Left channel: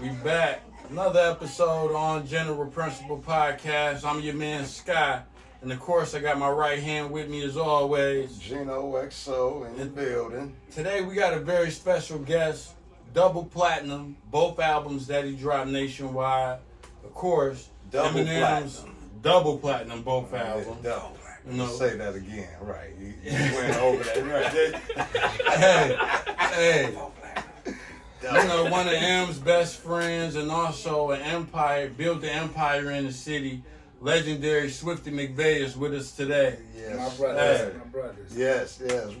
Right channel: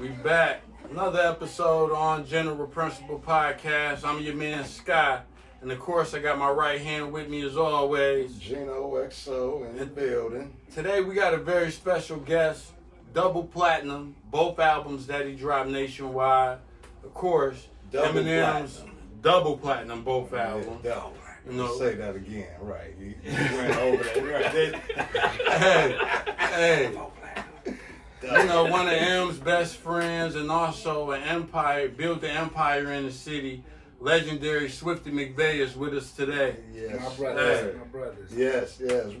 We back. Another episode on General Principle Podcast. I'm your man Sky. And of course I got my right hand with me as always. Gino XO in the building. Today we got a very special guest. Double platinum. Both albums that he dropped nationwide. Of course, Double Eminem's platinum. Double platinum, both albums. Double platinum. You know, Say that again, right? You went over that, right? hey. You know, one of M's best friends and also an empire, built the empire in the city. Legendary Swifty Mcvay is with us today. Yes. My brothers, Hey. my brothers. Yes. Yes,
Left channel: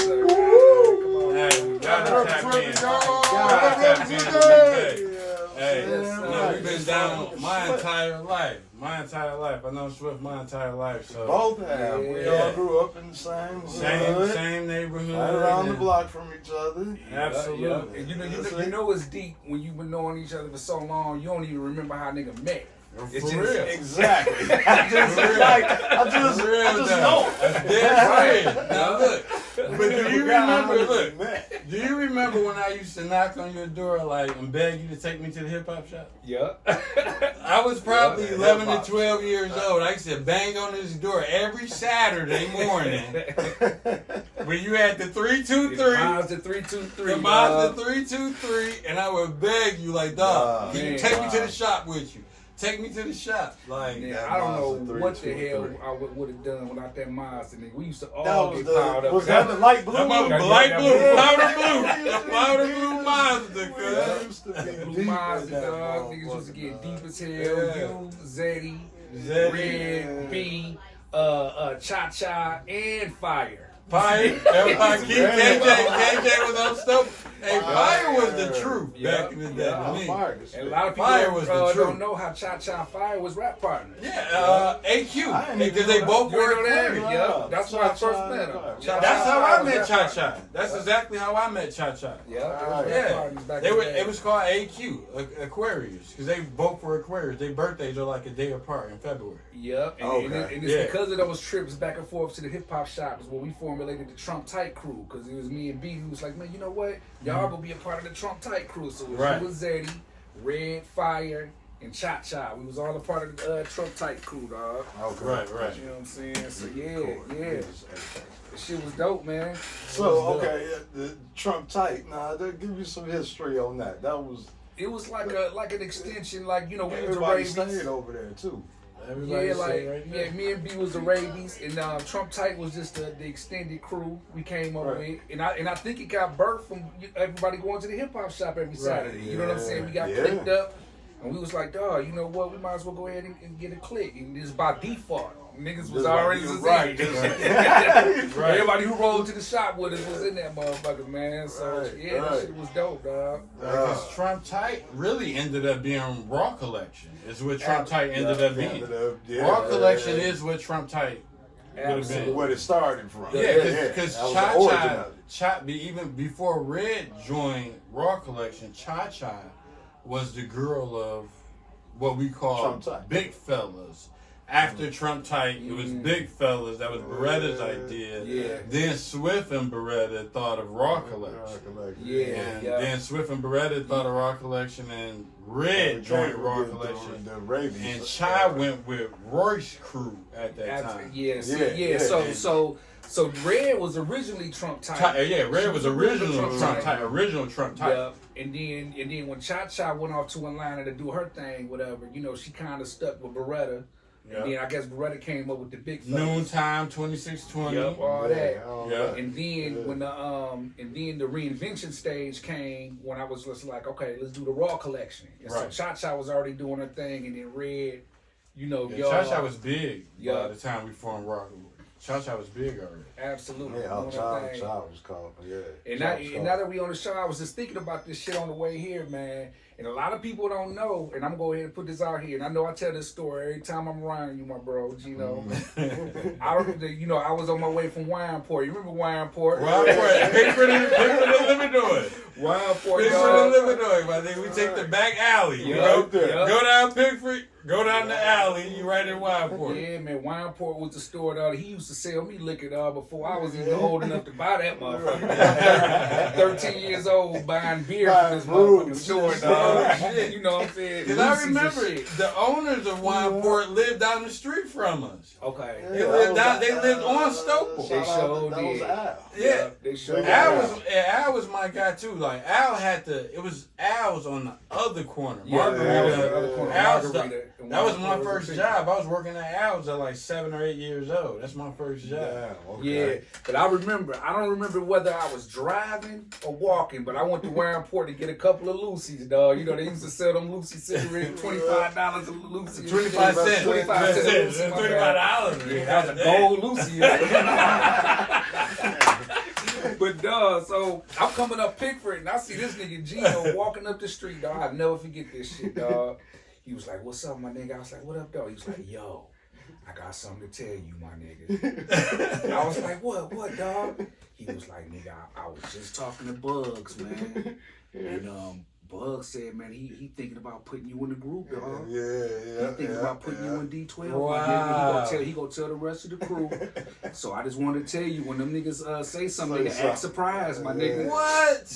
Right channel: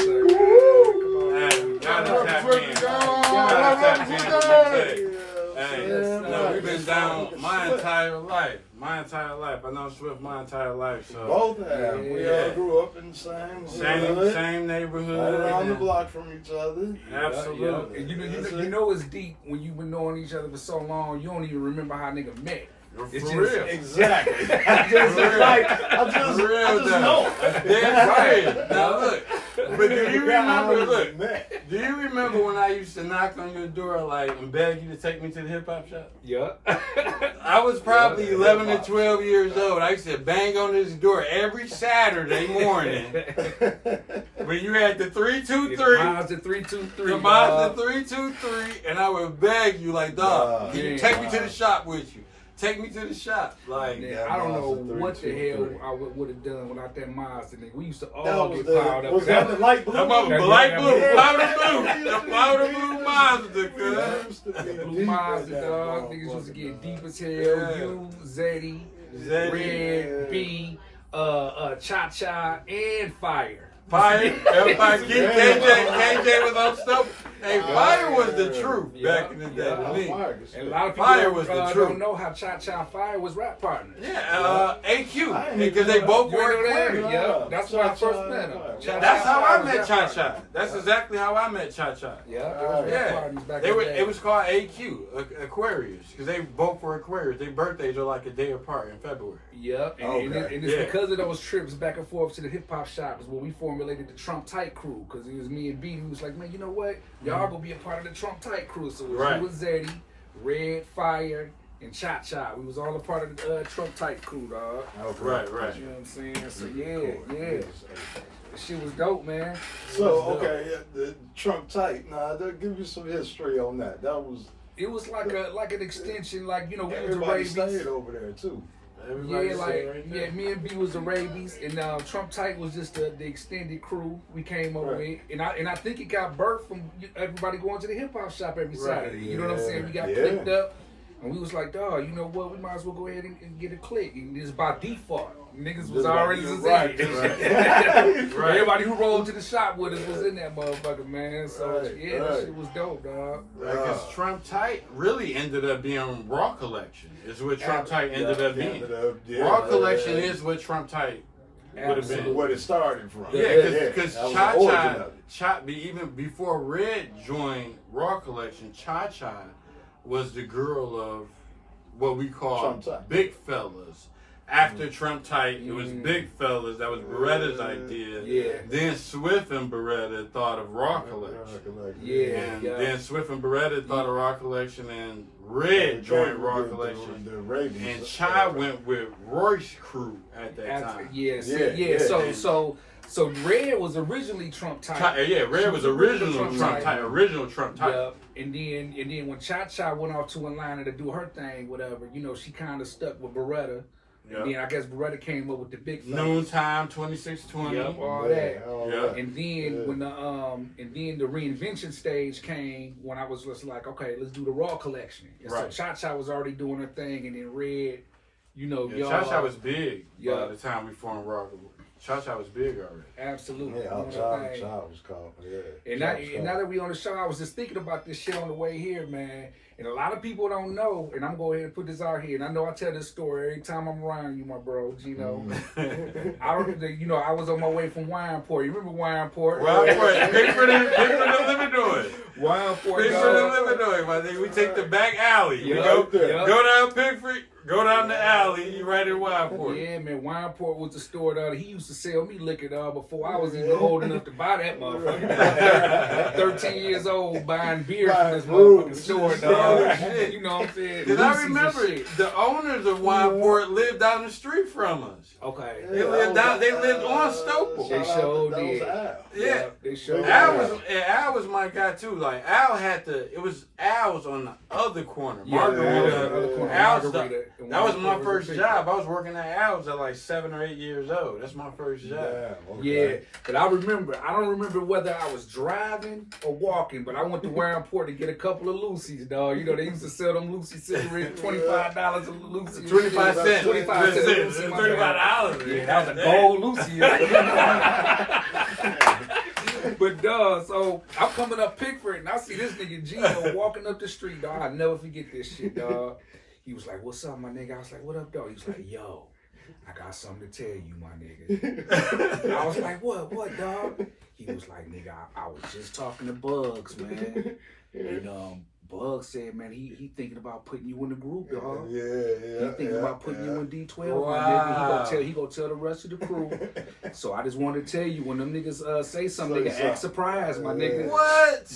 sir. Come on. Hey, gotta tap in. Gotta tap in with Mcvay. Hey, Yes, sir. we've been down my entire life. I know Swift my entire life. So Both have. We Yeah. all grew up in the same same neighborhood. right around the and- block from each other. Absolutely. Yeah. And you know it's deep when you've been knowing each other for so long. You don't even remember how nigga met. It's For just- real. Exactly. I just know. Dead right. Now look, but do you remember? Look, Met. do you remember when I used to knock on your door like and beg you to take me to the hip hop shop? Yeah. I was probably Yeah, 11 to hip-hop. 12 years old. I used to bang on this door every Saturday morning. When you had the 323, Mazda 323. the Mazda 323, and I would beg you like, dog, can you man. take me to the shop with you? Take me to the shop. Like, Man, That I don't know Mazda what the hell 323. I would have done without that Mazda, nigga. We used to That all was get piled up. was that the light blue? that mother Yeah, light yeah, blue, yeah. powder blue, the powder blue Mazda, cuz. That used to be Blue deep Mazda, in that dog. Niggas used to get motherfucker, deep as hell. Yeah. You, Zeddy, Zeddy, Red, B, Cha-Cha, and Fire. Fire, everybody keep KJ was up stuff. Hey, Fire was the truth back in the day to me. And a lot of people Fire was the truth. don't know how Cha-Cha and Fire was rap partners. Yeah, AQ, I didn't because even they know both You ain't know were that? Aquarius. Yeah, that's when I Cha-Cha first met him. and Fire. Cha-Cha That's how and I Fire was met rap Cha partners. Cha. That's exactly how I met Cha Cha. Yeah, they was rap Yeah, partners back they in were. the day. It was called AQ, Aquarius, because they both were Aquarius. Their birthdays are like a day apart in February. Yep, and, Okay. and it's Yeah. because of those trips back and forth to the hip hop shop is where we formulated the Trump Tight crew. Because it was me and B who was like, man, you know what? Y'all gonna be a part of the Trump Tight crew. So it was Right. you and Zeddy, Red, Fire, and Cha Cha. We was all a part of the Trump Tight crew, dog. Okay. Right. You know what I'm saying? So yeah. The shit was dope, man. So okay, the Trump tight. Nah, they'll give you some history on that. That was It was like an extension, like, you know, we was the everybody Rabies. stayed over there too. Everybody Yeah, say like right there. me and B was the Rabies, and Trump Tight was just the extended crew we came up Right. with, and I think it got birthed from everybody going to the hip hop shop every Saturday. You know what I'm saying? We got Yeah. clicked up, and we was like, dog, you know what? We might as well go ahead and get a click, and just by default, niggas was Just already like- just right, in. right. Everybody who rolled to the shop with us was in that motherfucker, man. So Right, yeah, that right. shit was dope, dog. Because Trump Tight really ended up being Raw Collection. Is what Trump Tight ended up being. Raw Collection is what Trump Tight would have been. what it started from. Yeah, because that was Cha the origin Cha, of it. even before Red joined Raw Collection, Cha Cha was the girl of what we call Trump Tight. big fellas. After Trump Tight, it was big fellas. That was Beretta's idea. Yeah. Then Swift and Beretta thought of Raw Collection. Yeah. And then Swift and Beretta thought of Raw Collection, and Red joined Raw Collection. The Rabies. And Chai went with Royce crew at that time. Yeah. So Red was originally Trump Tight. Red was original Trump Tight. Original Trump Tight. Yep. And then when Cha Cha went off to Atlanta to do her thing, whatever, you know, she kind of stuck with Beretta. Yep. And then I guess Beretta came up with the big fellas. Noontime 2620. Yep, all that. Yeah. And then when the reinvention stage came, when I was just like, okay, let's do the Raw collection. And Right. so Cha Cha was already doing her thing, and then Red, you know, Yeah, y'all. Cha Cha was big Yeah. by the time we formed Raw. Cha Cha was big already. Absolutely. Yeah, doing her Child thing. was called. Yeah. And now that we on the show, I was just thinking about this shit on the way here, man. And a lot of people don't know, and I'm gonna go ahead and put this out here. And I know I tell this story every time I'm around you, my bro, Gino. I was on my way from Wineport. You remember Wineport? Pickford and Illinois. Wineport, Pickford dog. and Illinois, my nigga. We take the back alley. You Yeah, know? yeah. Go down Pickford, go down the alley, you right in Wineport. Yeah, man, Wineport was the store that he used to sell me liquor before I was even old enough to buy that motherfucker. 13 years old buying beer from this Buying motherfucking store, brews. dog. Shit. You know what I'm saying? Because I Lucy's and remember shit. the owners of Wineport lived down the street from us. Okay. They lived on Stoughton. They sure did. Yeah, they sure Al was my guy too. Like Al Al's on the other corner. Margarita. That was my first job. I was working at Al's at like 7 or 8 years old. That's my first job. Yeah, but I don't remember whether I was driving or walking, but I went to Warrenport to get a couple of Lucy's, dog. You know, they used to sell them Lucy cigarettes, $25 a Lucy. 25 cents. 25 cents a Lucy. $25. Yeah, that was a gold Lucy. But dog, so I'm coming up Pickford and I see this nigga Gino walking up the street, dog. I'll never forget this shit, dog. He was like, "What's up, my nigga?" I was like, "What up, dog?" He was like, "Yo, I got something to tell you, my nigga." I was like, what, dog? He was like, "Nigga, I was just talking to Bugz, man. And Bugz said, man, he thinking about putting you in the group, dog. He thinking about putting you in D12, my nigga. He gonna tell the rest of the crew. So I just wanted to tell you, when them niggas say something, nigga, act surprised, my nigga." What?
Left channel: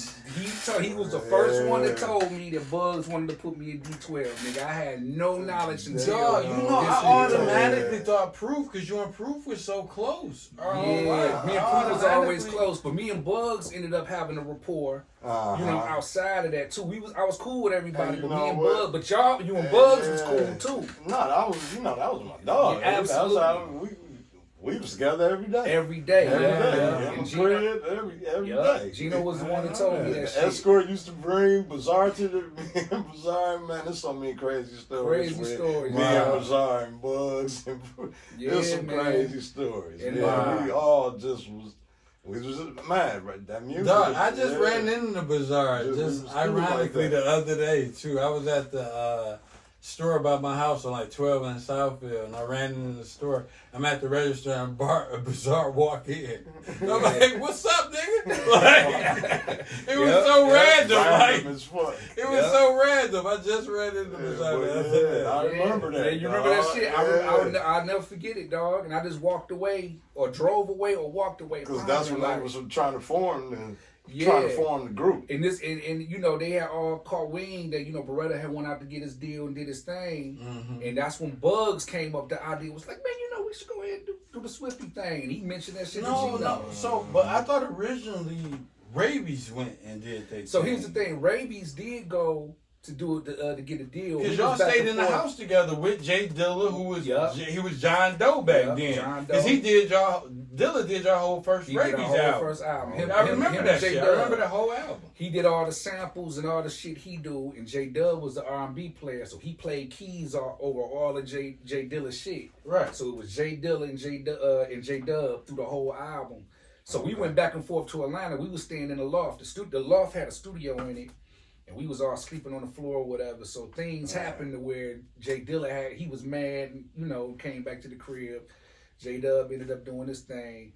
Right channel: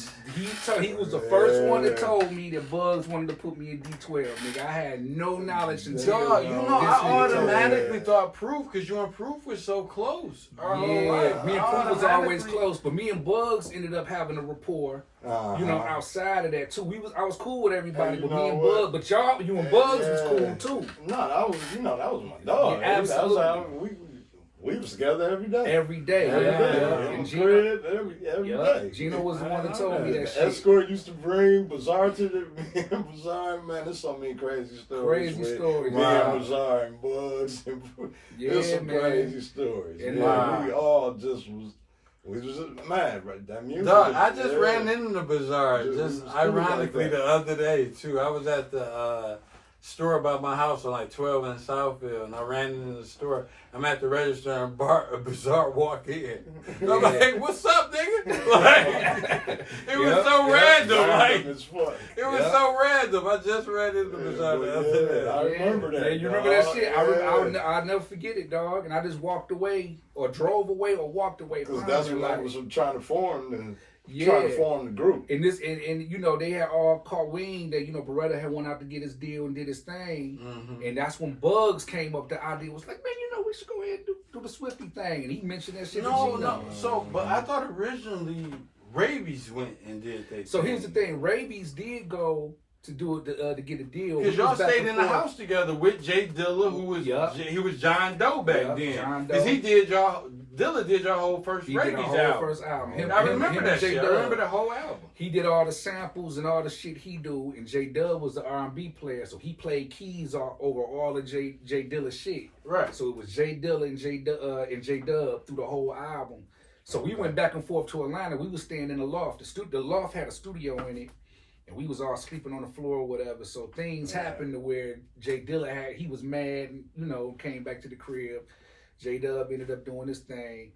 He was the first one that told me that Bugz wanted to put me in D12, nigga. I had no knowledge until Dog, you know, I automatically thought Proof, because you and Proof was so close. Yeah, me and Proof was always close, but me and Bugz ended up having a rapport. You know, outside of that too, I was cool with everybody, but me and Bugz, but you and Bugz was cool too. No, that was my dog. Yeah, absolutely. We was together every day. Every day, And Gino, every day. Gino was the one that told me that shit. Escort used to bring Bazaar to the Bazaar, man. There's so many crazy stories. Me and Bazaar and Bugz. There's some crazy stories. And we all just was. We was mad, right? That music. Dog, I just ran into the Bazaar, just ironically like the other day too. I was at the store by my house on like 12 in Southfield, and I ran into the store. I'm at the register, and a Bazaar walk in. And I'm like, "What's up, nigga?" Like, it was so random. Like, it was so random. I just ran into the Bazaar the other day. I remember that. Yeah, you remember that shit? I'll never forget it, dog. And I just walked away, or drove away, or walked away. Because that's when I was trying to form trying to form the group. And you know, they had all caught wind that, you know, Beretta had went out to get his deal and did his thing. And that's when Bugz came up. The idea was like, man, you know, we should go ahead and do the Swifty thing. And he mentioned that shit to Gino. No. So, but I thought originally Rabies went and did that. So here's the thing: Rabies did go to do it to get a deal. Because y'all stayed in the house together with J Dilla, who was he was John Doe back then. Because Dilla did your whole first Rabies album. I remember that shit. I remember the whole album. He did all the samples and all the shit he do, and J Dub was the R&B player, so he played keys over all of J Dilla shit. Right. So it was J Dilla and J Dub through the whole album. So we went back and forth to Atlanta. We was staying in the loft. The loft had a studio in it. And we was all sleeping on the floor or whatever. So things happened to where J Dilla he was mad, you know, came back to the crib. J Dub ended up doing this thing.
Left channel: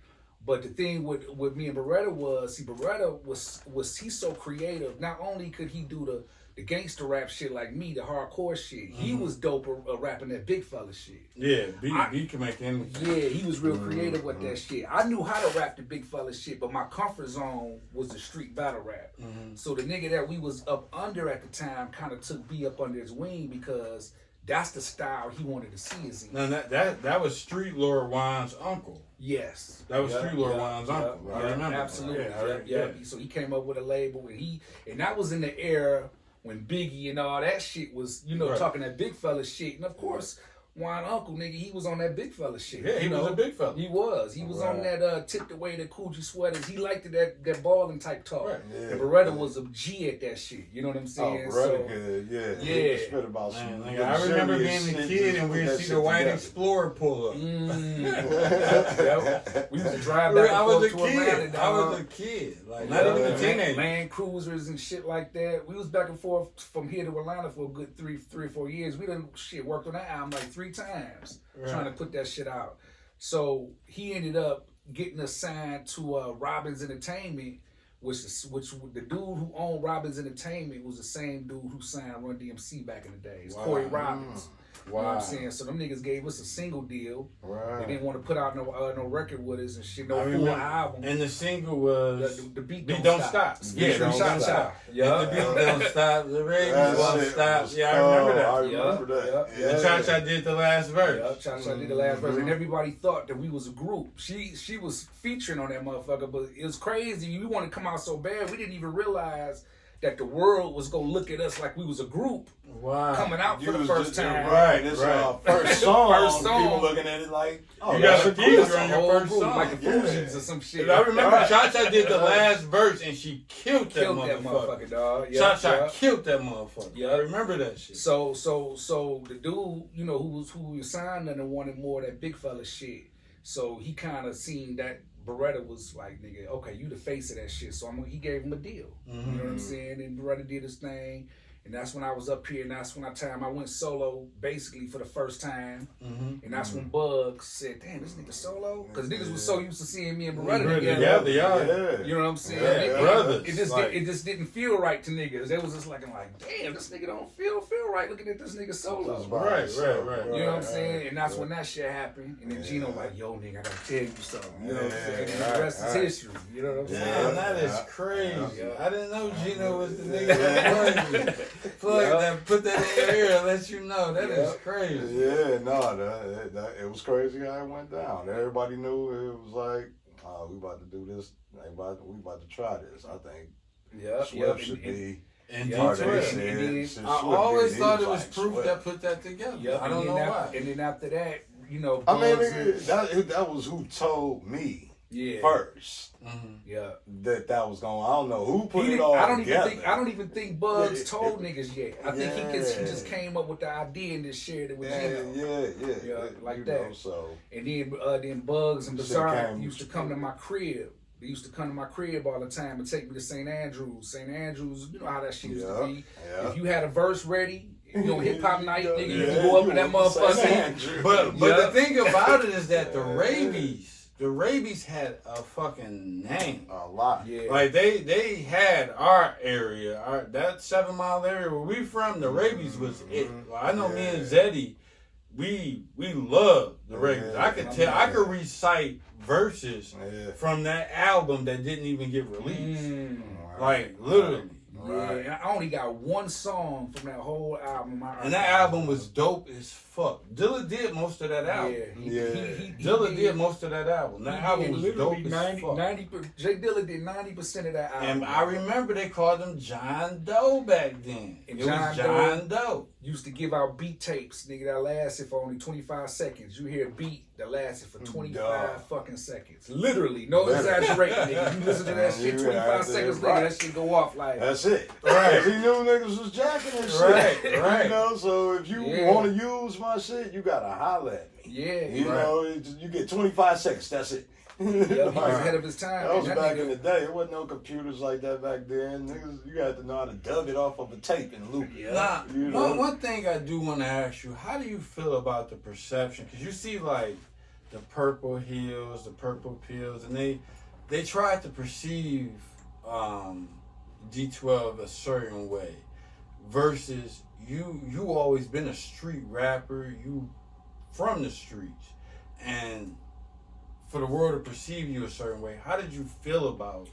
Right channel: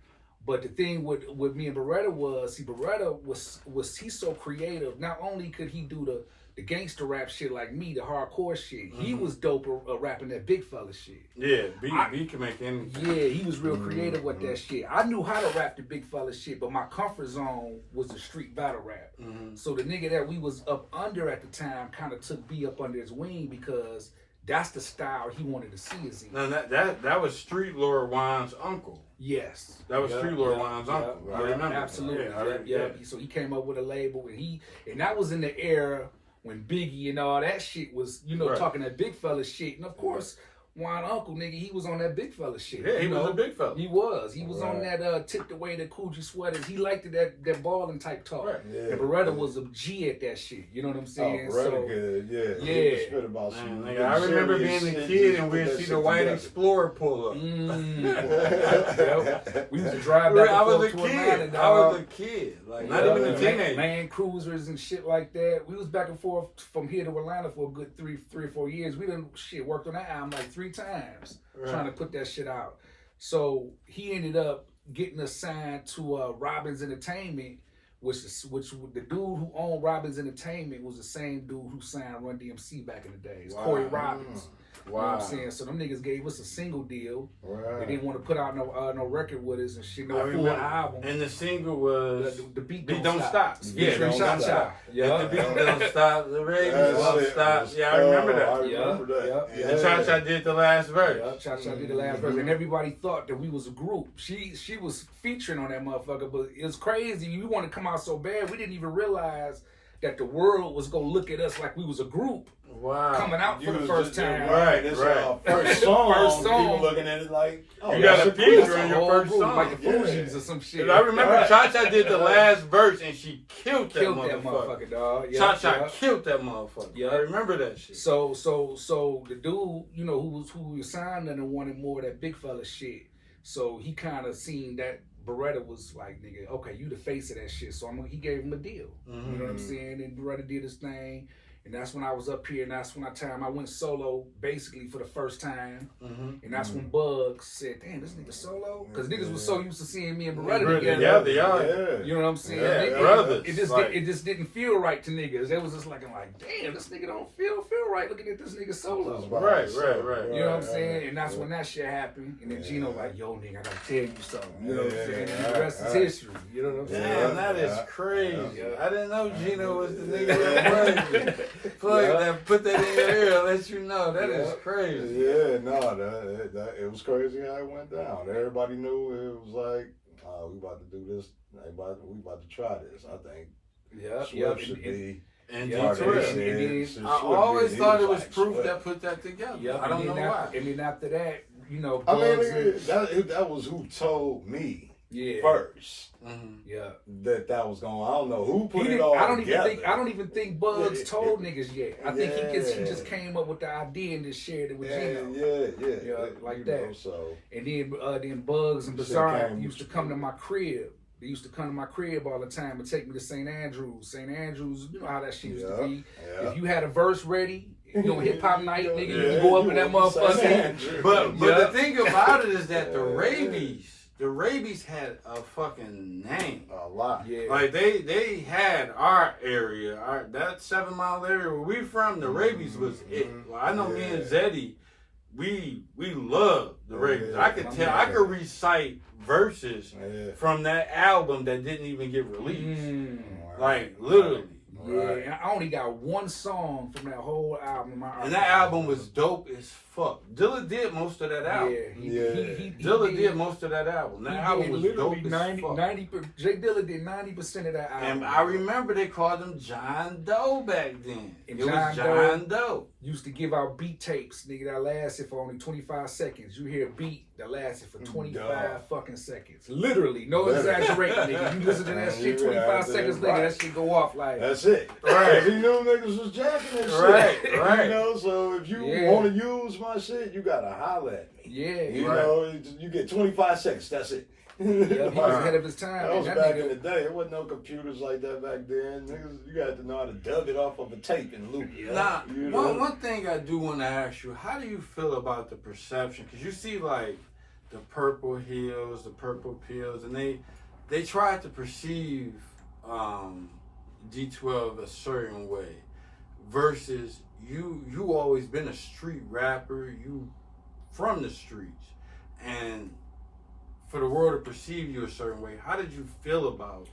But the thing with me and Beretta was, Beretta was he's so creative. Not only could he do the gangster rap shit like me, the hardcore shit, he was dope rapping that big fella shit. Yeah, B can make anything. Yeah, he was real creative with that shit. I knew how to rap the big fella shit, but my comfort zone was the street battle rap. So the nigga that we was up under at the time kind of took B up under his wing because that's the style he wanted to see us in. Now that was Street Lord Wine's uncle. Yes. That was Street Lord Wine's uncle. I remember. Absolutely. Yeah. So he came up with a label, and that was in the era when Biggie and all that shit was, you know, talking that big fella shit. And of course, Wine Uncle, nigga, he was on that big fella shit. Yeah, he was a big fella. He was. He was on that tipped away the Coogee sweaters. He liked that balling type talk. Right. Yeah, and Beretta was a G at that shit. You know what I'm saying? Beretta could, yeah. He spit about some I remember being a kid and we'd see the white Explorer pull up. We used to drive back and forth to Atlanta. I was a kid. Like, not even a teenager. Land Cruisers and shit like that. We was back and forth from here to Atlanta for a good three or 4 years. We done worked on that album like 3 times trying to put that shit out. So he ended up getting assigned to Robbins Entertainment, which the dude who owned Robbins Entertainment was the same dude who signed Run DMC back in the days, Corey Robbins. You know what I'm saying? So them niggas gave us a single deal. They didn't want to put out no record with us and shit, no full album. And the single was the beat don't stop. Yeah, don't stop. Yeah, the beat don't stop. The radio don't stop. Yeah, I remember that. I remember that. And Cha-Cha did the last verse. Yeah, Cha-Cha did the last verse, and everybody thought that we was a group. She was featuring on that motherfucker, but it was crazy. We wanted to come out so bad, we didn't even realize that the world was gonna look at us like we was a group coming out for the first time. Right, this is our first song. First song. People looking at it like, oh, you got a feature on your first group, song. like the Fugees or some shit. I remember Cha-Cha did the last verse and she killed that motherfucker. Dog. Cha-Cha killed that motherfucker. Yeah, I remember that shit. So the dude, you know, who was signed and wanted more of that big fella shit. So he kind of seen that Beretta was like, nigga, okay, you the face of that shit. So he gave him a deal. You know what I'm saying? And Beretta did his thing. And that's when I was up here, and that's when I went solo basically for the first time. And that's when Bugz said, damn, this nigga solo? Because niggas was so used to seeing me and Beretta together. Yeah, they are. You know what I'm saying? Brothers. It just didn't feel right to niggas. It was just like, damn, this nigga don't feel right looking at this nigga solo. Right. You know what I'm saying? And that's when that shit happened. And then Gino like, yo, nigga, I gotta tell you something. You know what I'm saying? And the rest is history. You know what I'm saying? Damn, that is crazy. I didn't know Gino was the nigga that was. Put that in your ear and let you know. That is crazy. Yeah, no, it was crazy how it went down. Everybody knew it was like, we about to do this. We about to try this. I think Swift should be. And D12. I always thought it was proof that put that together. I don't know why. And then after that, you know, that was who told me first. That was going. I don't know who put it all together. I don't even think Bugz told niggas yet. I think he just came up with the idea and just shared it with Gino. Like that. So and then Bugz and Bizarre used to come to my crib. They used to come to my crib all the time and take me to St. Andrews. St. Andrews, you know how that shit used to be. If you had a verse ready, you know, hip hop night, nigga, you can go up in that motherfucker. But the thing about it is that the Rabies had a fucking name. A lot. Yeah. Like they had our area, that 7 Mile area where we from, the Rabies was it. Well, I know me and Zeddy, we love the Rabies. I could recite verses from that album that didn't even get released. Like literally. Yeah, and I only got one song from that whole album. And that album was dope as fuck. Dilla did most of that album. Dilla did most of that album. That album was dope as fuck. J Dilla did 90% of that album. And I remember they called him John Doe back then. And it was John Doe. Used to give out beat tapes, nigga, that lasted for only 25 seconds. You hear a beat that lasted for 25 fucking seconds. Literally, no exaggerating, nigga. You listen to that shit 25 seconds later, that shit go off like. That's it. Right. He knew niggas was jacking and shit. Right. You know, so if you want to use my shit, you gotta holler at me. Yeah. You know, you get 25 seconds, that's it. He was ahead of his time. That was back in the day. There wasn't no computers like that back then. Niggas, you had to know how to dub it off of a tape and loop it. Now, one thing I do want to ask you, how do you feel about the perception? Because you see, like, the Purple Hills, the Purple Pills, and they tried to perceive D12 a certain way versus you always been a street rapper, you from the streets, and for the world to perceive you a certain way, how did you feel about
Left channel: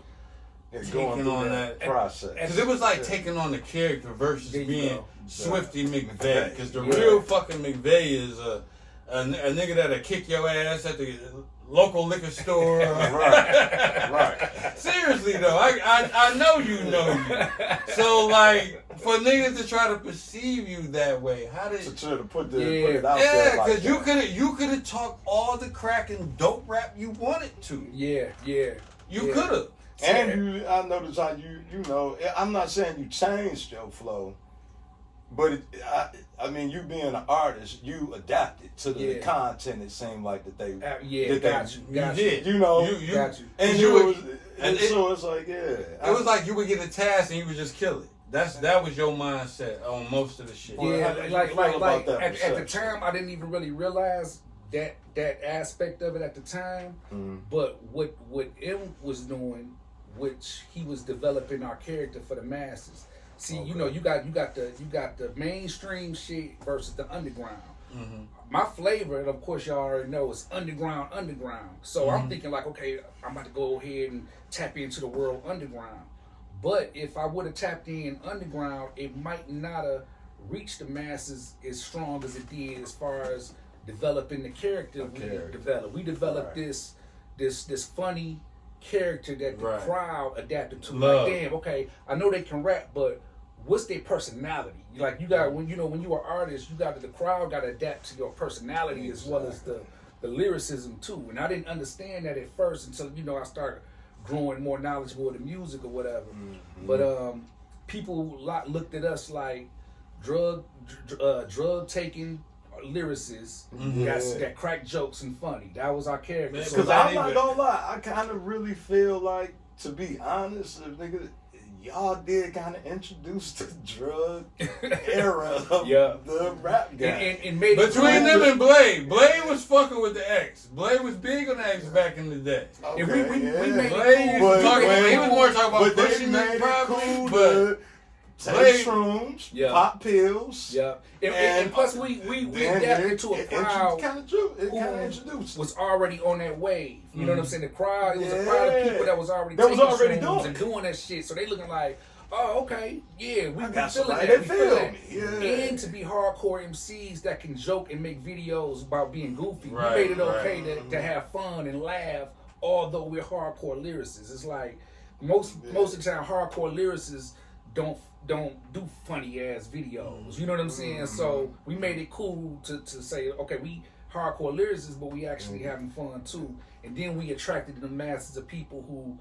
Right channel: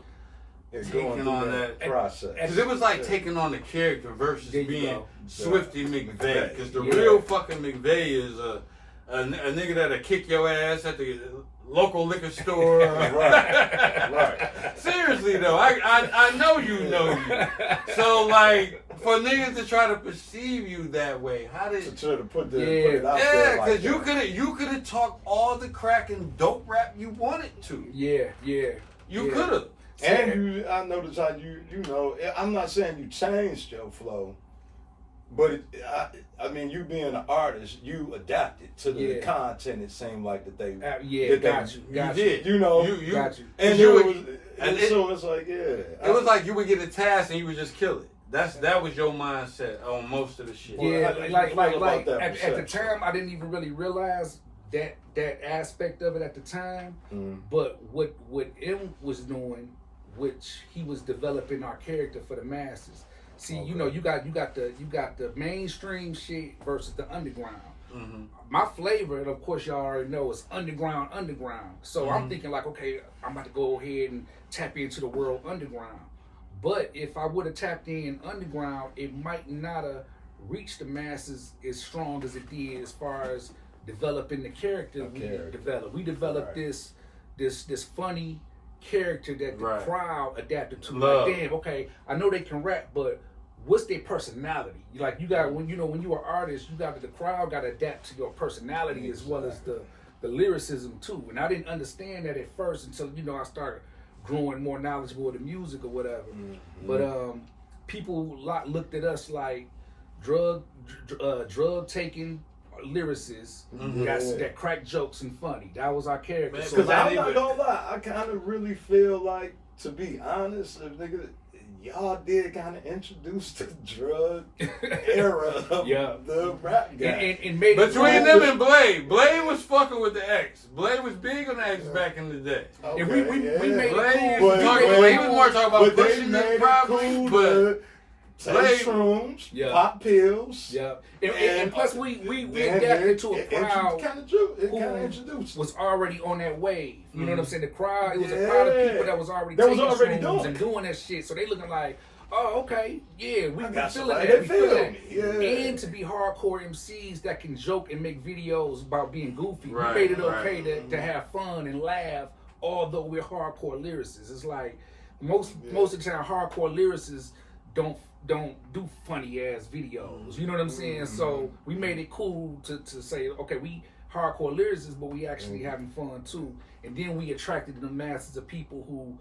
taking on that process? Because it was like taking on the character versus being Swifty Mcvay. Because the real fucking McVay is a nigga that'll kick your ass at the local liquor store. Right. Seriously though, I know you know me. So like, for niggas to try to perceive you that way, how did to put it out there? Yeah, because you could have talked all the crack and dope rap you wanted to. You could have. And I noticed how you know. I'm not saying you changed your flow. But I mean, you being an artist, you adapted to the content. It seemed like that they got you. You know, you got you. And so it's like it was like you would get a task and you would just kill it. That was your mindset on most of the shit. Yeah, like at the time, I didn't even really realize that aspect of it at the time. But what M was doing, which he was developing our character for the masses. See, you know, you got the mainstream shit versus the underground. Mm-hmm. My flavor, and of course y'all already know, is underground. So I'm thinking like, okay, I'm about to go ahead and tap into the world underground. But if I would have tapped in underground, it might not have reached the masses as strong as it did as far as developing the character we developed. We developed this funny character that the crowd adapted to. Like, damn, okay, I know they can rap, but what's their personality? Like, you got when you're an artist, the crowd got to adapt to your personality as well as the lyricism too. And I didn't understand that at first until I started growing more knowledgeable of the music or whatever. Mm-hmm. But people looked at us like drug taking lyricists that crack jokes and funny. That was our character. Because I'm not gonna lie, I kind of really feel like, to be honest, if nigga, y'all did kind of introduce the drug era of the rap game. And made between them and Blade was fucking with the X. Blade was big on the X back in the day. Okay, and we made Blade it cool. He was more talking about pushing it probably, but take shrooms, pop pills. And plus we adapted to a crowd who was already on that wave. You know what I'm saying? The crowd, it was a crowd of people that was already taking shrooms and doing that shit. So they looking like, oh, okay, yeah, we feeling that. We feeling it. And to be hardcore MCs that can joke and make videos about being goofy. We made it okay to have fun and laugh, although we're hardcore lyricists. It's like most of the time hardcore lyricists don't do funny ass videos. You know what I'm saying? So we made it cool to say, okay, we hardcore lyricists, but we actually having fun too. And then we attracted the masses of people who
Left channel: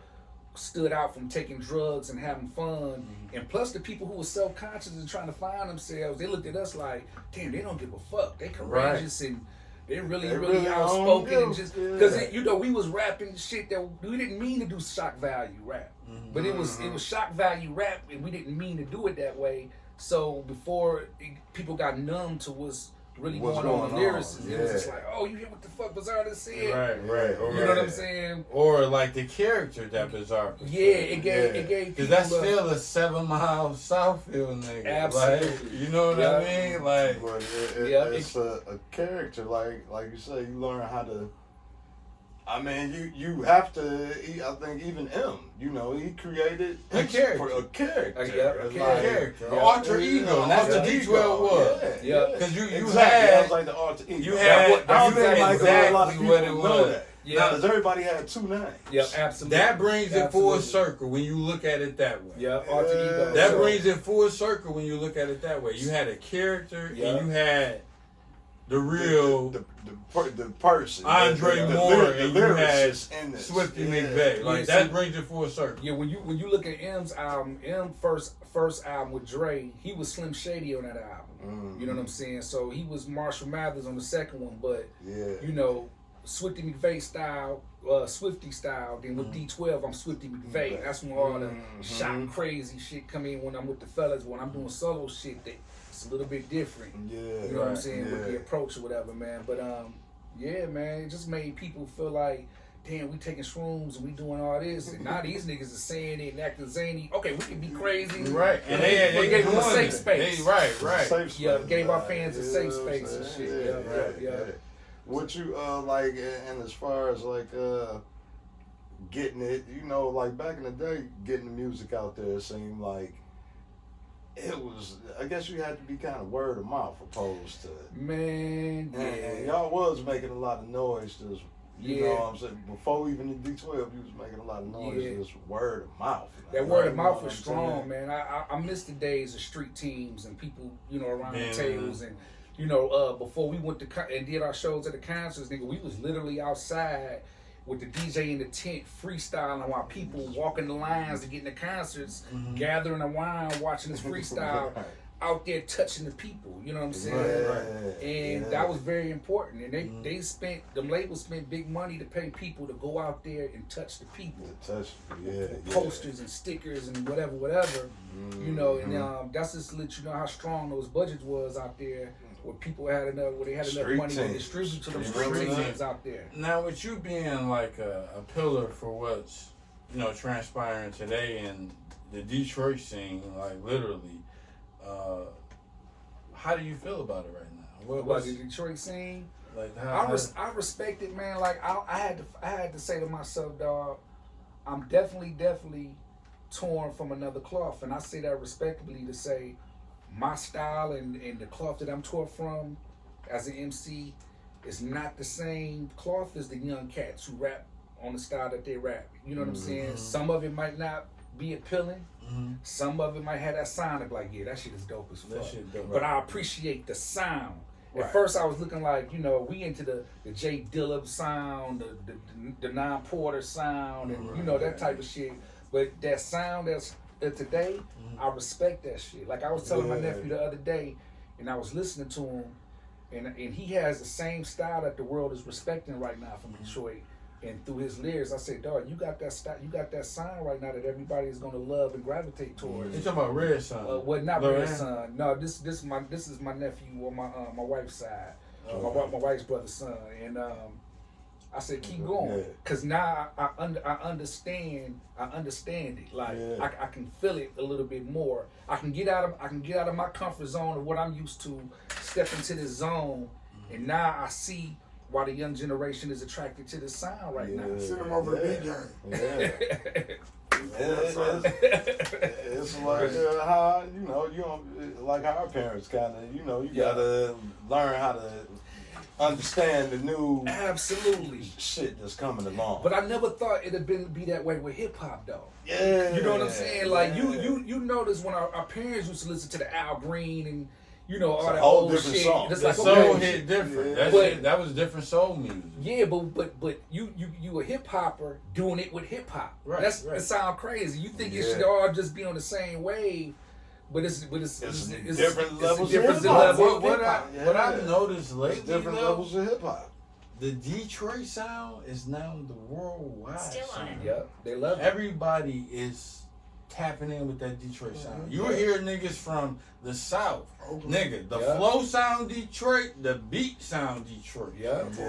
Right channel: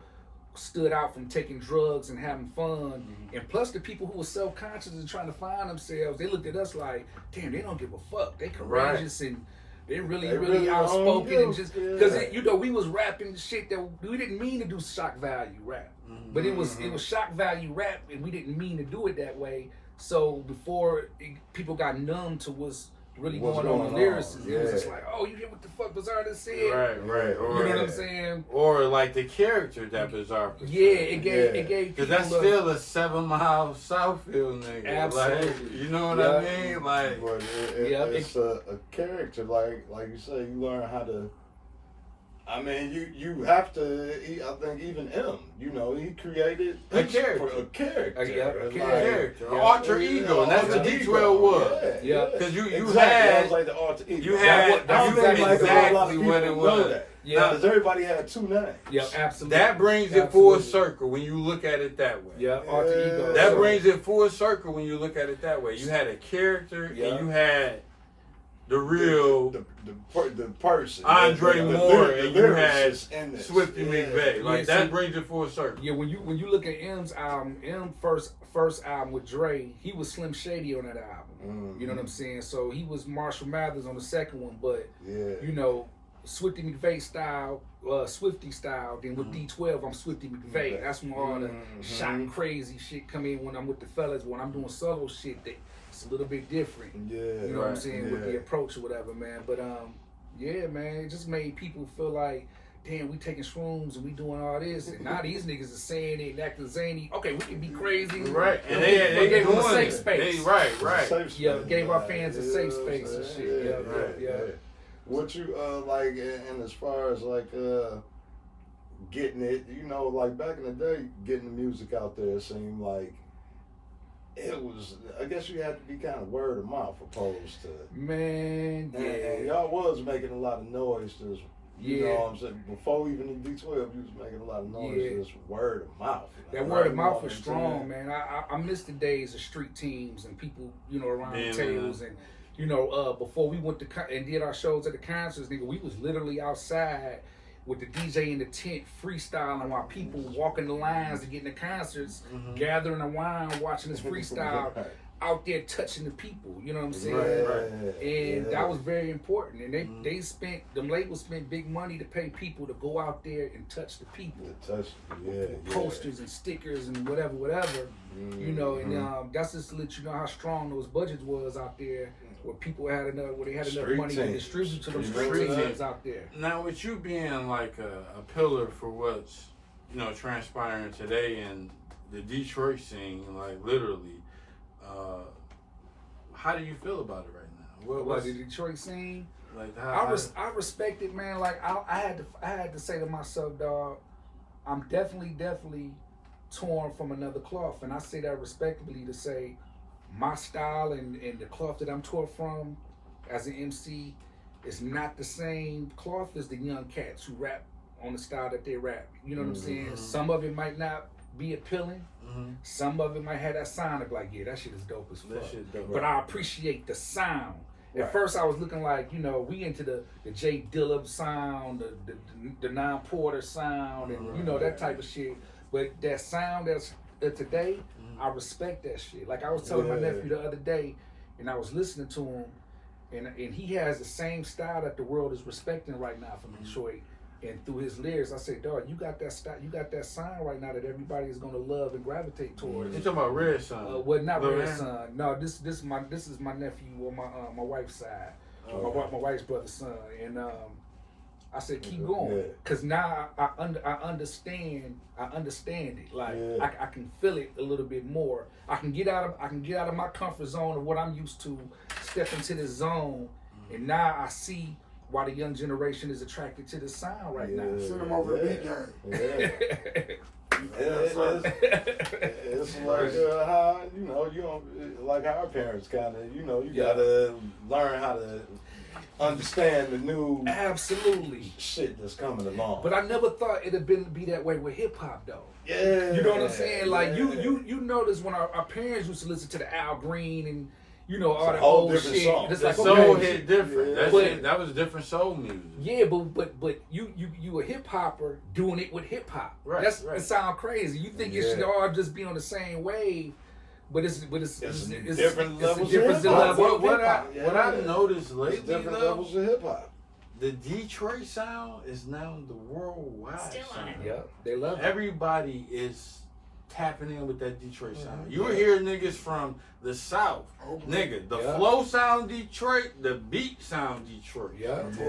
stood out from taking drugs and having fun. And plus the people who were self-conscious and trying to find themselves, they looked at us like, damn, they don't give a fuck. They courageous and they're really outspoken and just because we was rapping shit that we didn't mean to do shock value rap. But it was shock value rap, and we didn't mean to do it that way. So before people got numb to what's really going on in lyrics, it was just like, oh, you hear what the fuck Bizarre just said? Right. You know what I'm saying? Or like the character that Bizarre. It gave because that's still a 7 Mile Southfield nigga. Absolutely. Like, you know what I mean? Like, it's a character. Like you say, you learn how to. I mean, you have to. I think even he created a character, a character, an alter ego, and that's what D12 was. Because you had, that was like the alter ego. You had exactly what it was. Because everybody had two names. Yeah, absolutely. That brings it full circle when you look at it that way. Yeah, alter ego. That brings it full circle when you look at it that way. You had a character, and you had the real the person, Andre Moore, and you had Swifty Mcvay. Like that brings it full circle. Yeah, when you look at M's album, first album with Dre, he was Slim Shady on that album. You know what I'm saying? So he was Marshall Mathers on the second one, but Swifty Mcvay style, Swifty style. Then with D12, I'm Swifty Mcvay. That's when all the shot and crazy shit come in when I'm with the fellas. When I'm doing solo shit, it's a little bit different. You know what I'm saying, with the approach or whatever, man. But man, it just made people feel like, damn, we taking shrooms and we doing all this, and now these niggas are saying it and acting zany. Okay, we can be crazy, right? And they gave them a safe Right. space. Gave our fans a safe space and shit. What you like, and as far as like getting it, like back in the day, getting the music out there, it seemed like it was, I guess you had to be kind of word of mouth opposed to man. And y'all was making a lot of noise, just you know what I'm saying. Before even the D12, you was making a lot of noise, just word of mouth. That word of mouth was strong, man. I miss the days of street teams and people, around the tables and. Before we went to and did our shows at the concerts, nigga, we was literally outside with the DJ in the tent freestyling while people walking the lines to get in the concerts, gathering around, watching this freestyle, out there touching the people. You know what I'm saying? And that was very important. And the labels spent big money to pay people to go out there and touch the people. Posters and stickers and whatever. And that's just to let you know how strong those budgets was out there. Where people had enough, where they had enough money to distribute to them street teams out there. Now, with you being like a pillar for what's transpiring today in the Detroit scene, like literally. How do you feel about it right now? What the Detroit scene? Like I respect it, man. Like I had to say to myself, dog, I'm definitely torn from another cloth, and I say that respectably to say my style and the cloth that I'm torn from as an MC is not the same cloth as the young cats who rap on the style that they rap. You know what I'm saying? Some of it might not be appealing. Some of it might have that sound of like, yeah, that shit is dope as fuck. But I appreciate the sound. At first I was looking like, you know, we into the J Dilla sound, the non-Porter sound, and you know, that type of shit. But that sound that's today, I respect that shit. Like I was telling my nephew the other day, and I was listening to him, and he has the same style that the world is respecting right now from Detroit. And through his lyrics, I say, dog, you got that style, you got that sound right now that everybody is gonna love and gravitate towards. You talking about Red Son? Well, not Red Son. No, this is my nephew on my wife's side, my wife's brother's son, and I said keep going, cause now I understand it. Like I can feel it a little bit more. I can get out of my comfort zone of what I'm used to, step into this zone, and now I see why the young generation is attracted to the sound right now. Send them over to DJ. It's like how you know like how our parents kind of you gotta learn how to understand the new shit that's coming along. But I never thought it'd be that way with hip hop though. Yeah, you know what I'm saying? Like you notice when our parents used to listen to the Al Green and you know, all that old shit. Song. It's like soul hit different. That was different soul music. Yeah, but you a hip hopper doing it with hip hop. Right. It sound crazy. You think it should all just be on the same wave, but it's different levels. What I've noticed lately, different levels of hip hop. The Detroit sound is now the worldwide sound. Yep, they love it. Everybody is tapping in with that Detroit sound. You hear niggas from the South, nigga, the flow sound Detroit, the beat sound Detroit.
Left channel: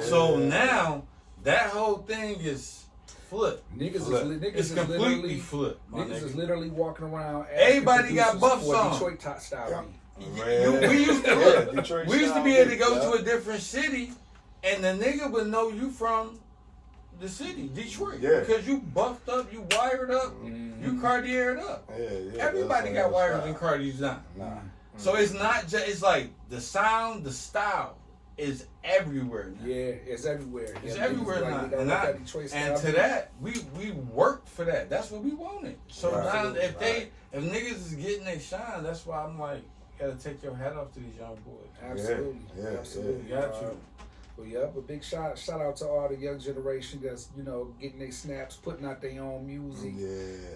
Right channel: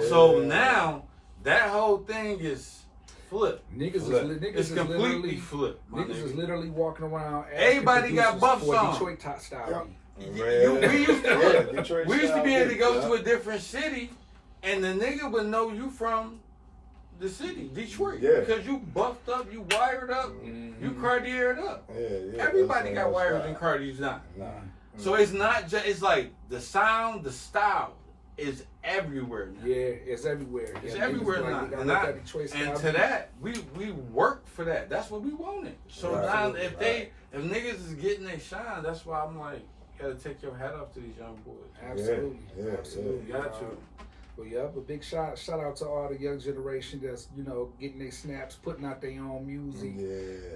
So now that whole thing is flipped. Niggas is completely flipped. Niggas is literally walking around. Everybody got buffs on. Detroit top style beat. We used to be able to go to a different city, and the nigga would know you from the city, Detroit, because you buffed up, you wired up, you Cartiered up. Everybody got wires and Cartiers now. So it's not just, it's like the sound, the style is everywhere now. Yeah, it's everywhere. It's everywhere now. And to that, we worked for that. That's what we wanted. So now if niggas is getting their shine, that's why I'm like, you gotta take your hat off to these young boys. Absolutely. Absolutely. You got to. Well, a big shout out to all the young generation that's, you know, getting their snaps, putting out their own music.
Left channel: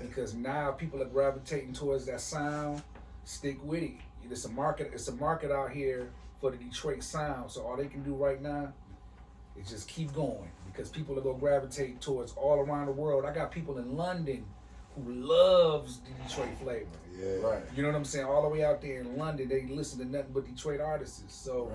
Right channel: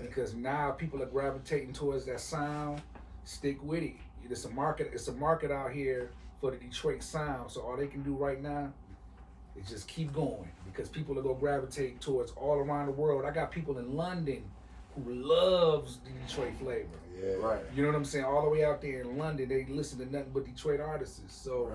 Because now people are gravitating towards that sound. Stick with it. It's a market out here for the Detroit sound. So all they can do right now is just keep going, because people are gonna gravitate towards all around the world. I got people in London who loves the Detroit flavor. You know what I'm saying? All the way out there in London, they listen to nothing but Detroit artists. So,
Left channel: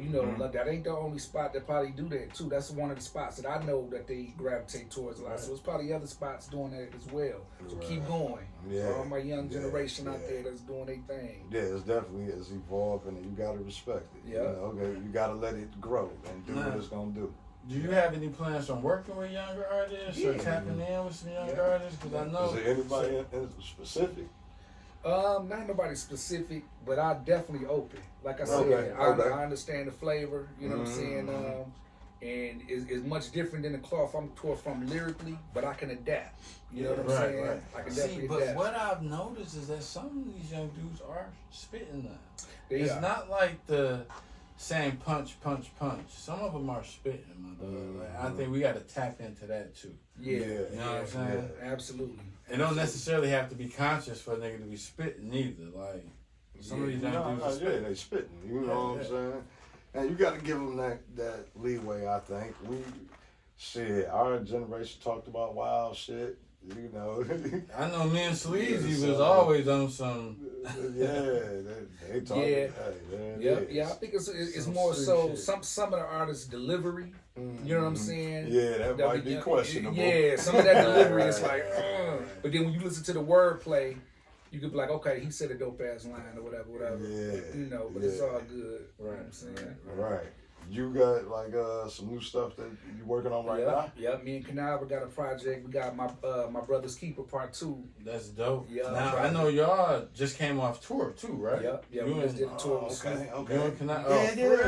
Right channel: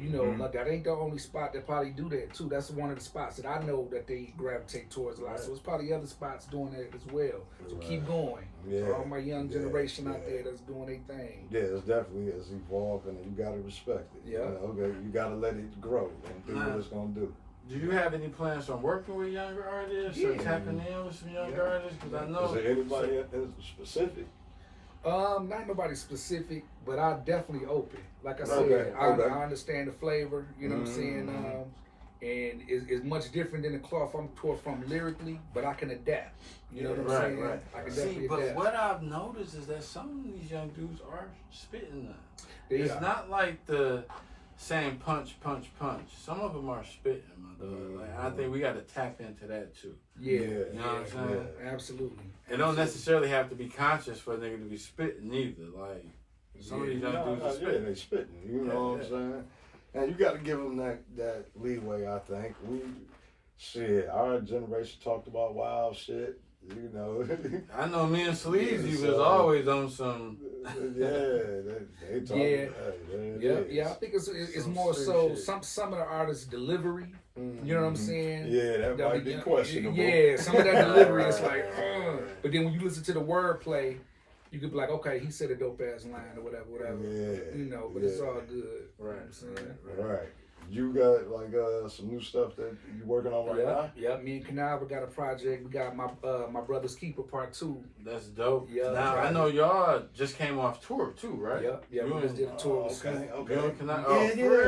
you know, like, that ain't the only spot that probably do that too. That's one of the spots that I know that they gravitate towards a lot. So it's probably other spots doing that as well. So keep going. For all my young generation out there that's doing their thing. Yeah, it's definitely evolving, and you gotta respect it. You gotta let it grow and do what it's gonna do. Do you have any plans on working with younger artists or tapping in with some younger artists? Because I know. Is there anybody in specific? Not nobody specific, but I definitely open. Like I said, I understand the flavor. You know what I'm saying? And it's much different than the cloth I'm taught from lyrically, but I can adapt. You know what I'm saying? I can definitely adapt. But what I've noticed is that some of these young dudes are spitting now. It's not like the saying punch. Some of them are spitting, my dog. Like, I think we got to tap into that too. You know what I'm saying? Absolutely. It don't necessarily have to be conscious for a nigga to be spitting either. Like, some of these young dudes are spitting. They spitting. You know what I'm saying? And you got to give them that leeway, I think. Our generation talked about wild shit, you know. I know me and Sleazy was always on some they talk. Yeah. I think it's more so some of the artists' delivery. You know what I'm saying? Yeah, that might be questionable. Yeah, some of that delivery is like, but then when you listen to the wordplay, you could be like, okay, he said a dope ass line or whatever. Yeah. But it's all good. Right. You know what I'm saying? Right. You got like some new stuff that you working on right now? Yep. Me and Canava got a project. We got my Brother's Keeper Part 2. That's dope. Yeah. Now I know y'all just came off tour too, right? Yep. Yeah. We just did a tour with Snoop. Okay.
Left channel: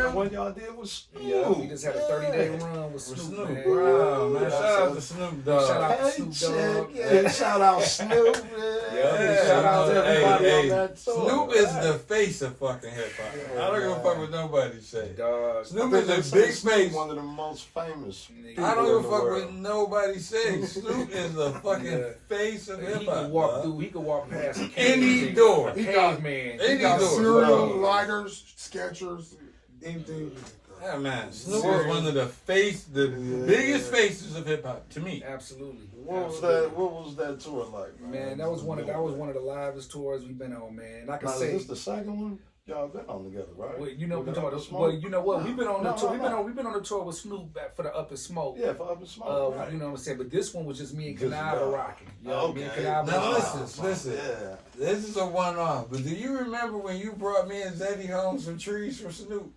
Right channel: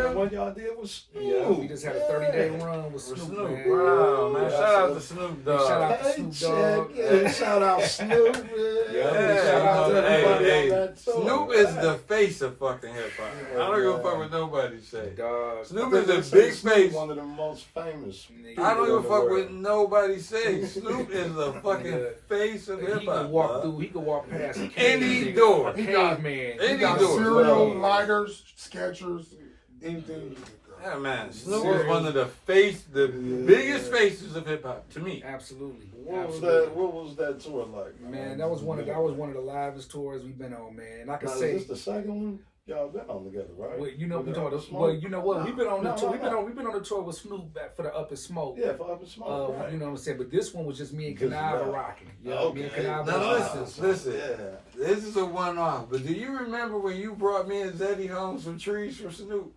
What y'all did was Snoop. Yeah. We just had a 30-day run with Snoop. Man. Wow, man. Shout out to Snoop Dogg. Shout out to Snoop Dogg. Yeah. Shout out Snoop. Shout out to everybody on that tour. Snoop is the face of fucking hip hop. I don't give a fuck what nobody say. Dog. Snoop is a big face. One of the most famous. I don't give a fuck what nobody says. Snoop is the fucking face of hip hop. He could walk past any door. A caveman. Any door. Cereal, lighters, Skechers, anything. Yeah, man. Snoop is one of the biggest faces of hip hop to me. Absolutely. What was that tour like? Man, that was one of the livest tours we've been on, man. I can say is this the second one? Y'all been on together, right? Well, you know what? We've been on the tour. We've been on the tour with Snoop back for the Up and Smoke. Yeah, for Up and Smoke. Right. You know what I'm saying? But this one was just me and Canava rocking. Yeah, okay. Me and Canava. Now listen. Yeah. This is a one-off. But do you remember when you brought me and Zeddy home some trees from Snoop?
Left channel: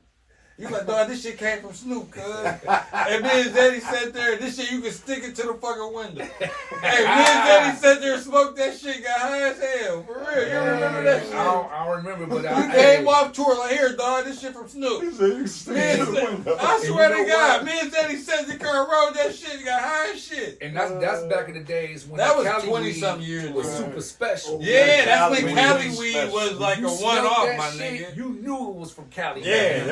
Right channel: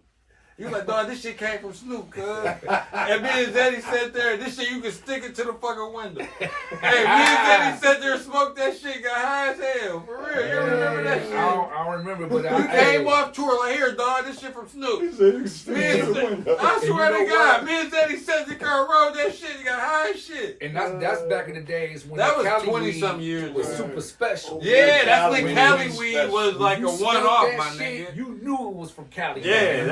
You like, dog, this shit came from Snoop, cuz. And me and Zeddy sat there, this shit, you can stick it to the fucking window. Hey, me and Zeddy sat there and smoked that shit, got high as hell. For real, you don't remember that shit? I don't remember, but we came off tour like, here, dog, this shit from Snoop. He said you can stick it to the window. I swear to God, me and Zeddy sat in the car, rolled that shit, got high as shit. And that's back in the days when that was Cali 20-something years was super special. Yeah, that's when Cali weed was like a one-off, my shit, nigga. You knew it was from Cali. Yeah,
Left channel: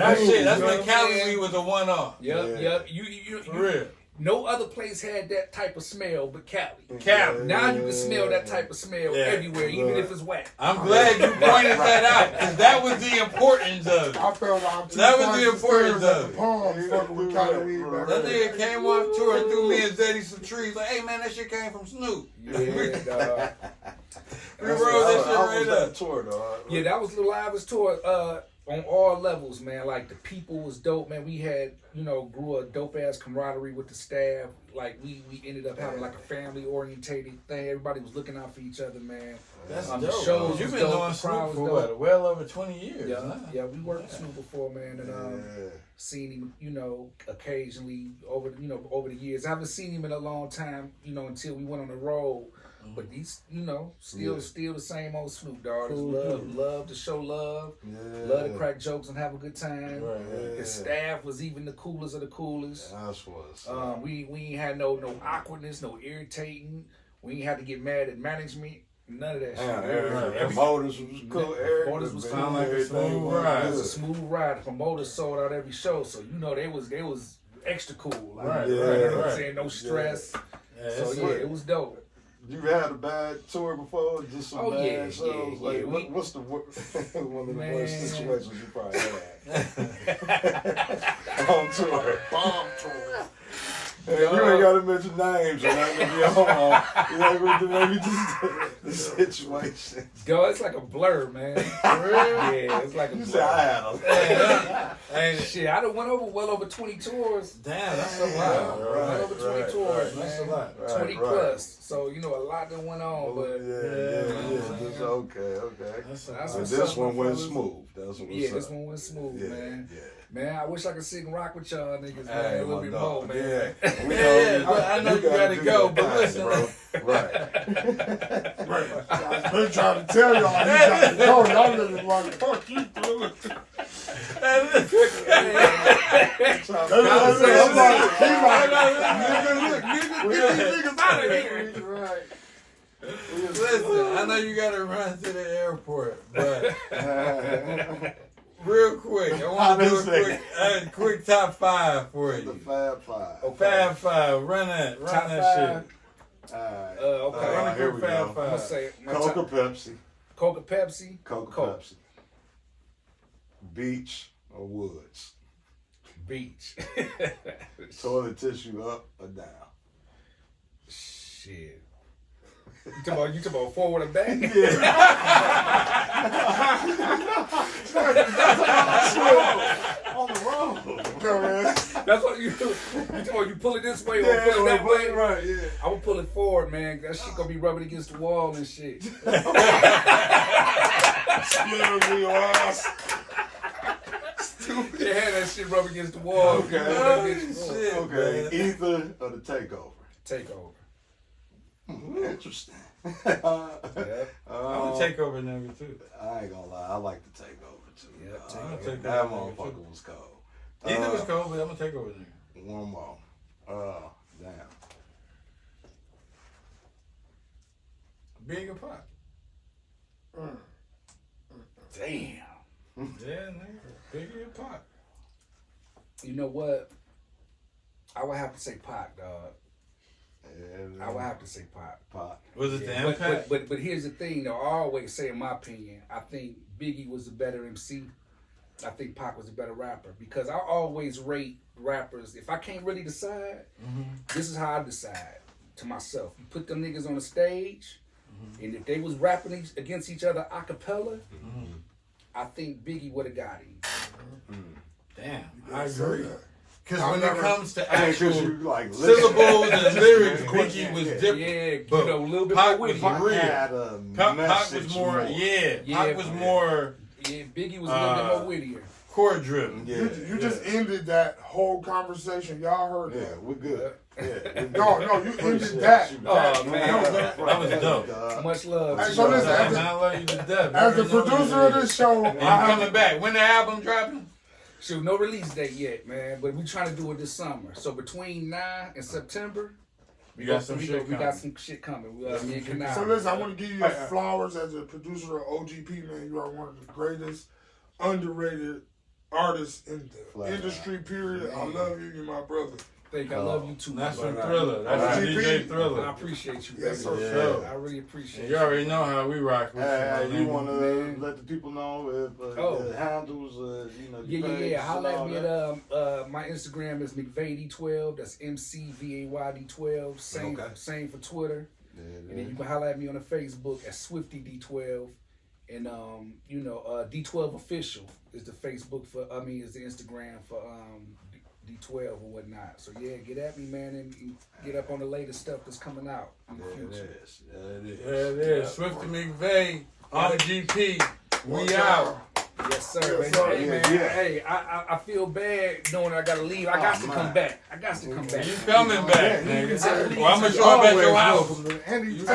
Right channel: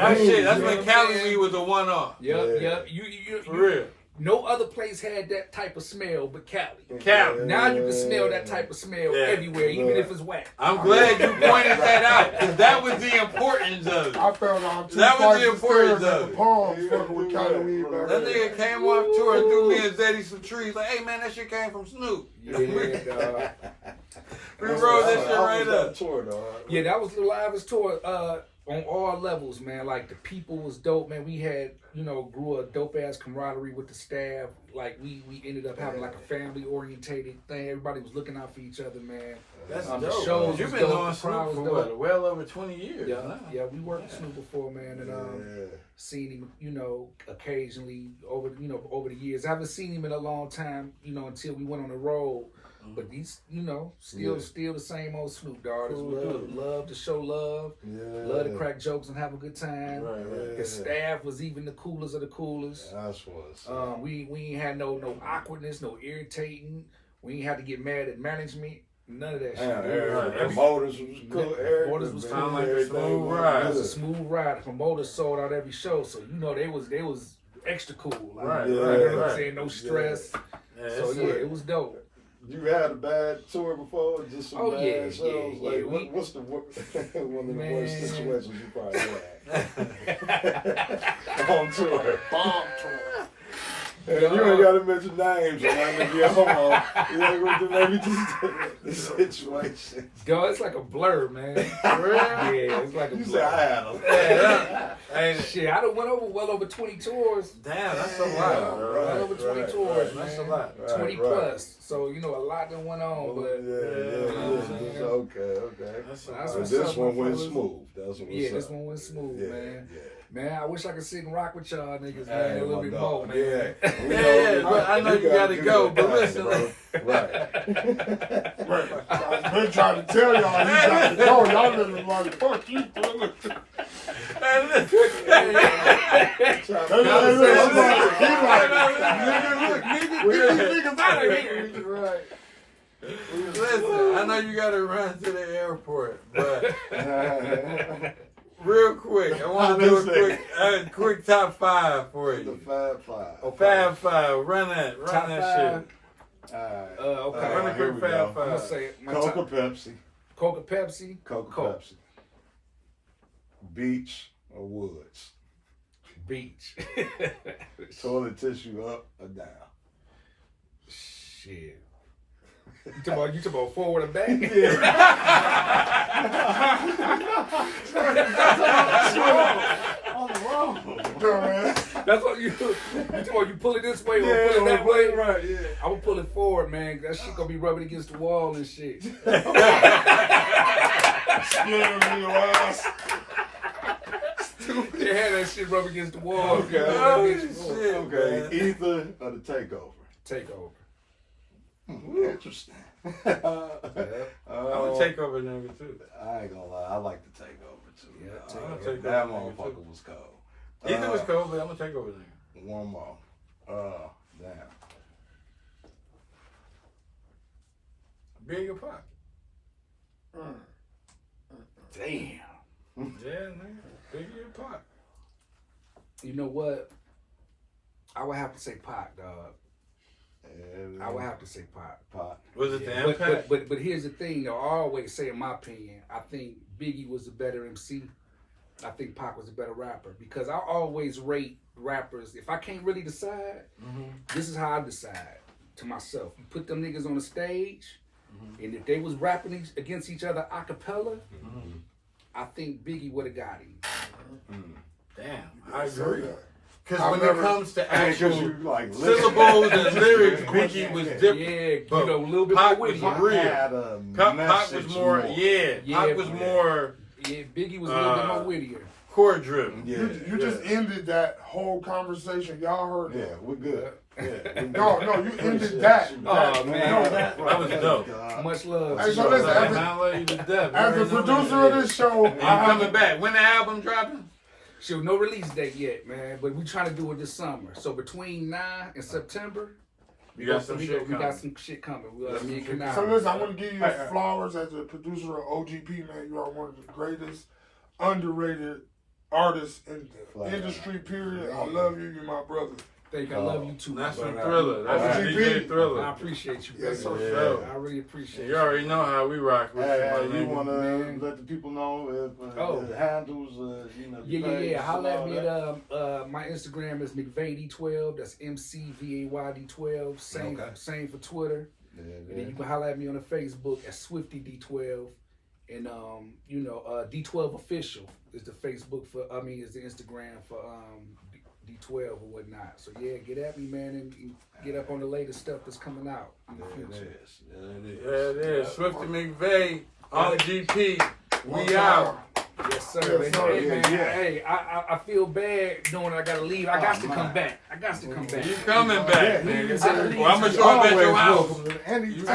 that's when Cali weed was a one-off. Yep. You for real. No other place had that type of smell but Cali. Now you can smell that type of smell everywhere, even if it's whack. I'm glad you pointed that out, because that was the importance of it. I felt like that was the importance of it. That nigga came off tour and threw me and Zeddy some trees. Like, hey man, that shit came from Snoop. Yeah, dog. We rolled that shit right up. Tour, dog. Yeah, that was the livest tour. On all levels, man. Like the people was dope, man. We had, grew a dope ass camaraderie with the staff. Like we ended up having like a family orientated thing. Everybody was looking out for each other, man. That's dope. The shows You've was been dope. on The crowd Snoop was for dope. well over 20 years. Yeah, we worked with Snoop before, man, and seen him, occasionally over the years. I haven't seen him in a long time, until we went on the road. But he's, still the same old Snoop, dog. Love to show love, love to crack jokes and have a good time. His staff was even the coolest of the coolest. That's what's we ain't had no awkwardness, no irritating. We ain't had to get mad at management. None of that shit. Promoters was cool. Promoters was cool. Like a smooth ride. It was a smooth ride. The promoters sold out every show, so they was extra cool. Like, you know what I'm saying? No stress. So it was dope. You had a bad tour before? Just some bad shows? What's the one of the worst situations you probably had? On tour. Bomb tour. Hey, you ain't got to mention names or nothing if you're home. Maybe just the situation. Yo, it's like a blur, man. For real? Yeah, it's like a blur. You said I had them. Shit, I done went well over 20 tours. Damn, that's a lot. Well over 20 tours, man. That's a lot. 20 plus. So, a lot that went on, but... Okay. That's this one went smooth. That's what this one went smooth, man. Yeah. Man, I wish I could sit and rock with y'all niggas, man, a little bit more, man. I know you gotta go, but listen. Right. I've been trying to tell y'all, you gotta go. Y'all living like, fuck you, bro. Listen, I know you gotta run to the airport, but real quick, I want to do a quick top 5 for you. The Fab Five. Oh, Fab 5. Run that shit. Okay. Run a quick Fab I'm gonna 5. say it. Coca Pepsi. Coca Pepsi. Coke. Pepsi. Beach or woods? Beach. Toilet tissue up or down? Shit. You talking about forward or back? Yeah. On the road. That's what you pull it this way or pull it that way. Right, yeah. I'm gonna pull it forward, man. That shit gonna be rubbing against the wall and shit. They had that shit rubbing against the wall. Okay. Okay. Either or the takeover. Takeover. Interesting. I'm a takeover nigga too. I ain't gonna lie, I like the takeover too. Yeah, takeover. That motherfucker was cold. Either was cold, but I'm a takeover nigga. One more. Damn. Big or pop? Damn. Yeah, nigga. Big or pop? You know what? I would have to say Pac, dog. I would have to say Pac. Was it the impact? But here's the thing, though. I always say, in my opinion, I think Biggie was a better MC. I think Pac was a better rapper because I always rate rappers. If I can't really decide, this is how I decide to myself. You put them niggas on the stage, and if they was rapping against each other a cappella, I think Biggie would have got him. Damn, I agree. Because when never, it comes to actual like syllables and lyrics, Biggie was different. Yeah, but you know, a little bit Pac more was witty. real. Pac was more, Pac was more. Yeah, Biggie was a little bit more wittier. Chord driven. Yeah, You just ended that whole conversation. Y'all heard Yeah, that? we're good. Yeah, No, you ended that. Oh, man. That was dope. Much love. Hey, so listen, I love you to death. as the producer of this show, I'm coming back. When the album dropping? Shoot, no release date yet, man. But we trying to do it this summer. So between now and September, we got some shit coming. Me and Kanai. So listen, I want to give you flowers as a producer of OGP, man. You are one of the greatest, underrated artists in the industry, period. I love you. You're my brother. I love you too. That's from Thriller. That's from DJ Thriller. I appreciate you, Yes, baby. sir. I really appreciate You already know how we rock with you want to let the people know if the handles, Yeah. Holla at me at my Instagram is McVay D12. That's McVay D12. Same for Twitter. And then you can holla at me on the Facebook at Swifty D12. And D12 official is the Facebook is the Instagram for D12 or whatnot. So yeah, get at me, man, and get up on the latest stuff that's coming out in the future. It is. Swifty Mcvay on GP. We out. Yes, sir. Hey, man. Hey, I feel bad knowing I gotta leave. I got to come back. You coming back, nigga. Well, I'm gonna show up at your house. And he's